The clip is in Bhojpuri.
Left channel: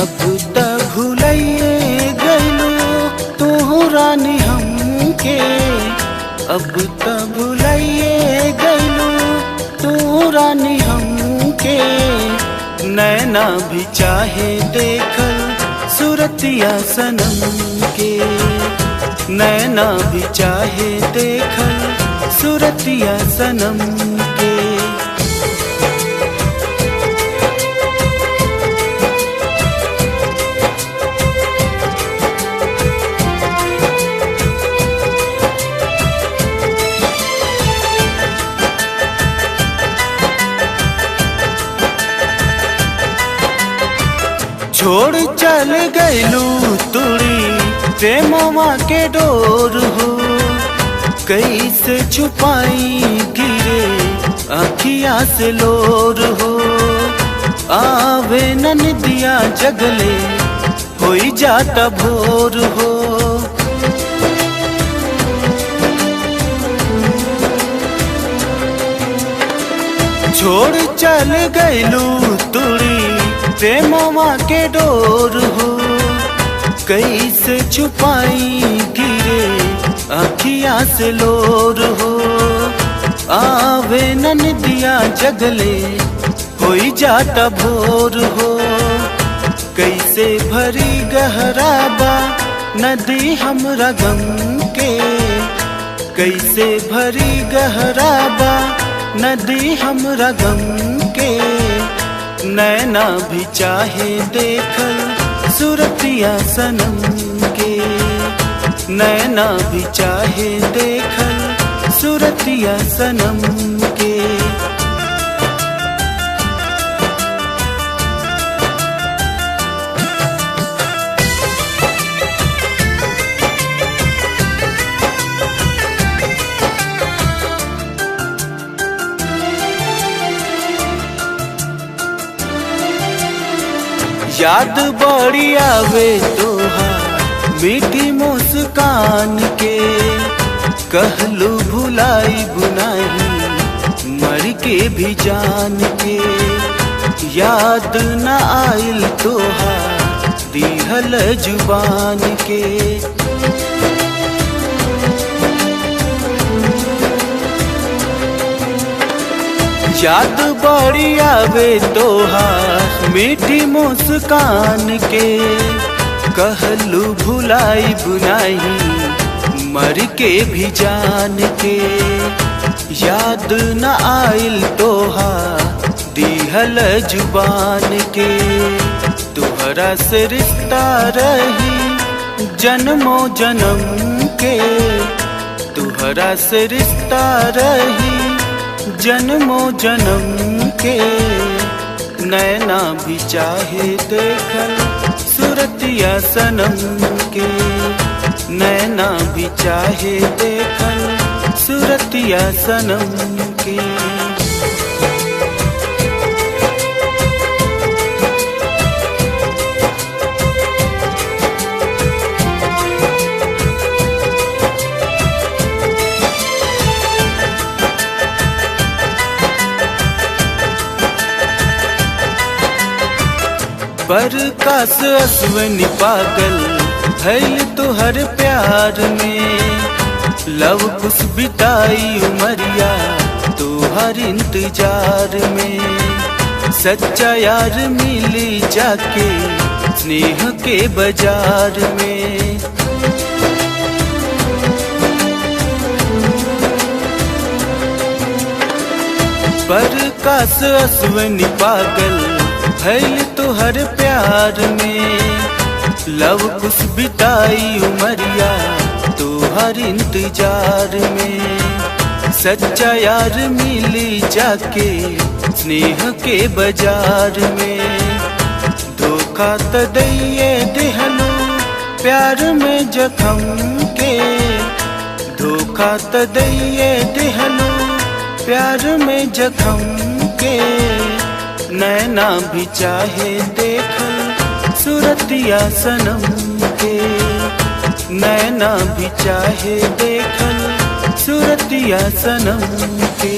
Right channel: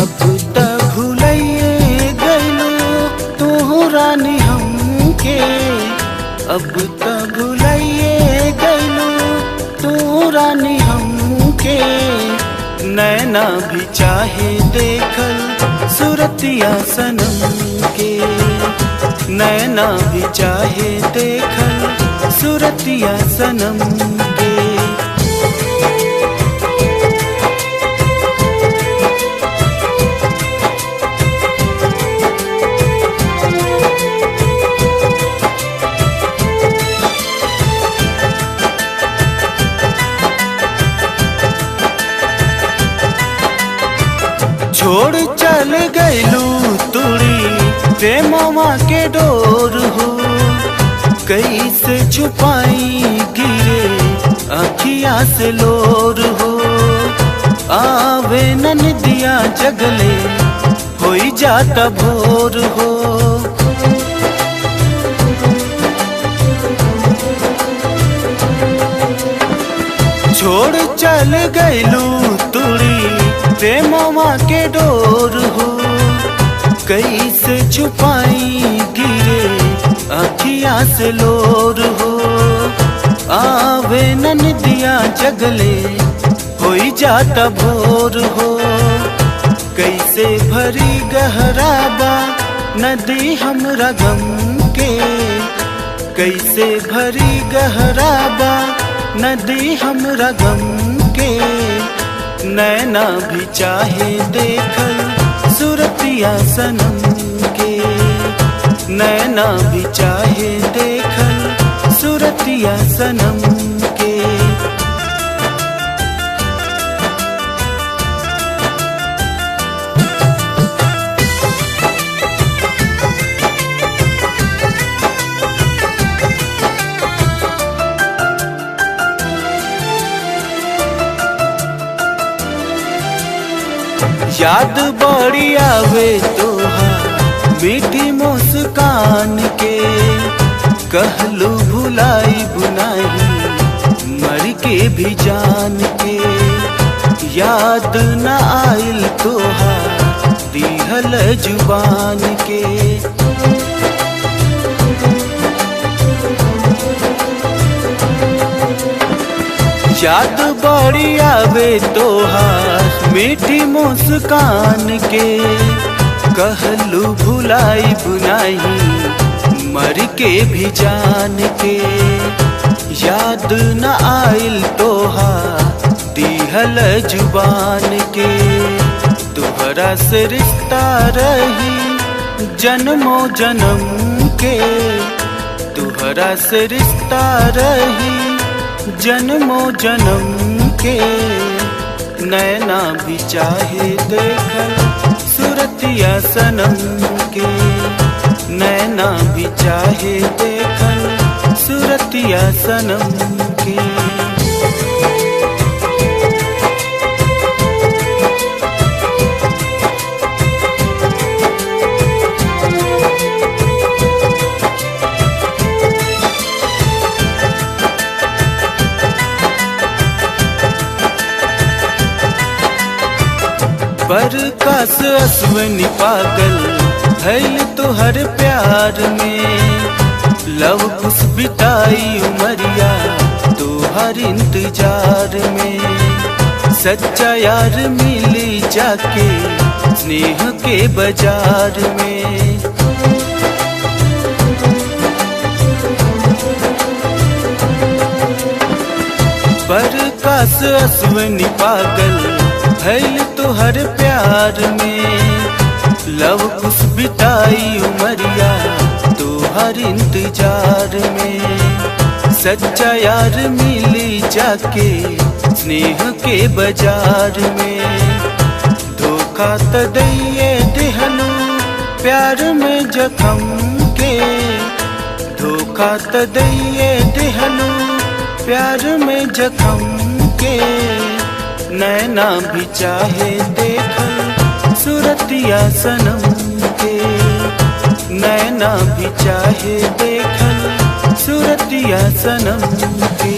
अब त भुलाइए गइलू तू रानी हमके, अब त भुलाइए गइलू तू रानी हमके। नैना भी चाहे देखल सूरतिया सनम के, नैना भी चाहे देखल सूरतिया सनम के। छोड़ चल गइलू तुड़ी प्रेमवा के डोर हो, कैसे छुपाई गिरे अखिया से लोर हो। आवे ननदिया जगले होई जाता भोर हो। छोड़ चल गइलू तुड़ी प्रेमवा के डोर हो, कैसे छुपाई गिरे अखिया से लोर हो। आवे ननदिया जगले होई जाता भोर हो। कैसे भरी गहराबा नदी हमरा गम के, कैसे भरी गहराबा नदी हमरा गम के। नैना भी चाहे देखल सूरतिया सनम के, नैना भी चाहे देखल सूरतिया सनम के। याद बड़ी आवे तोहार मीठी मुस्कान के, कहलू भुलाई बुनाई मर के भी जान के। याद न आइल तोहार दिहल जुबान के, याद बड़ी आवे तोहार मीठी मुस्कान के। कहलू भुलाई बुनाई मर के भी जान के। याद न आइल तोहार दिहल जुबान के। तुहरा से रिश्ता रही जन्मो जन्म के, तुहरा से रिश्ता रही जन्मो जन्म के। नैना भी चाहे देखल सूरतिया सनम के, नैना भी चाहे देखल सूरतिया सनम के। पर कास अश्वनी पागल भइल तोहर प्यार में। लव कुछ बिताई उमरिया तोहर इंतजार में। सच्चा यार मिली जाके स्नेह के बाजार में। पर कास अश्वनी पागल भइल तोहर प्यार में। लव कुछ बिताई उमरिया तोहर इंतजार में। सच्चा यार मिली जाके स्नेह के बाजार में। धोखा त दैये दिहलू प्यार में जखम के, धोखा त दैये दिहलू प्यार में जखम के। नैना भी चाहे देखल सूरतिया सनम के, नैना भी चाहे देखल सूरतिया सनम के।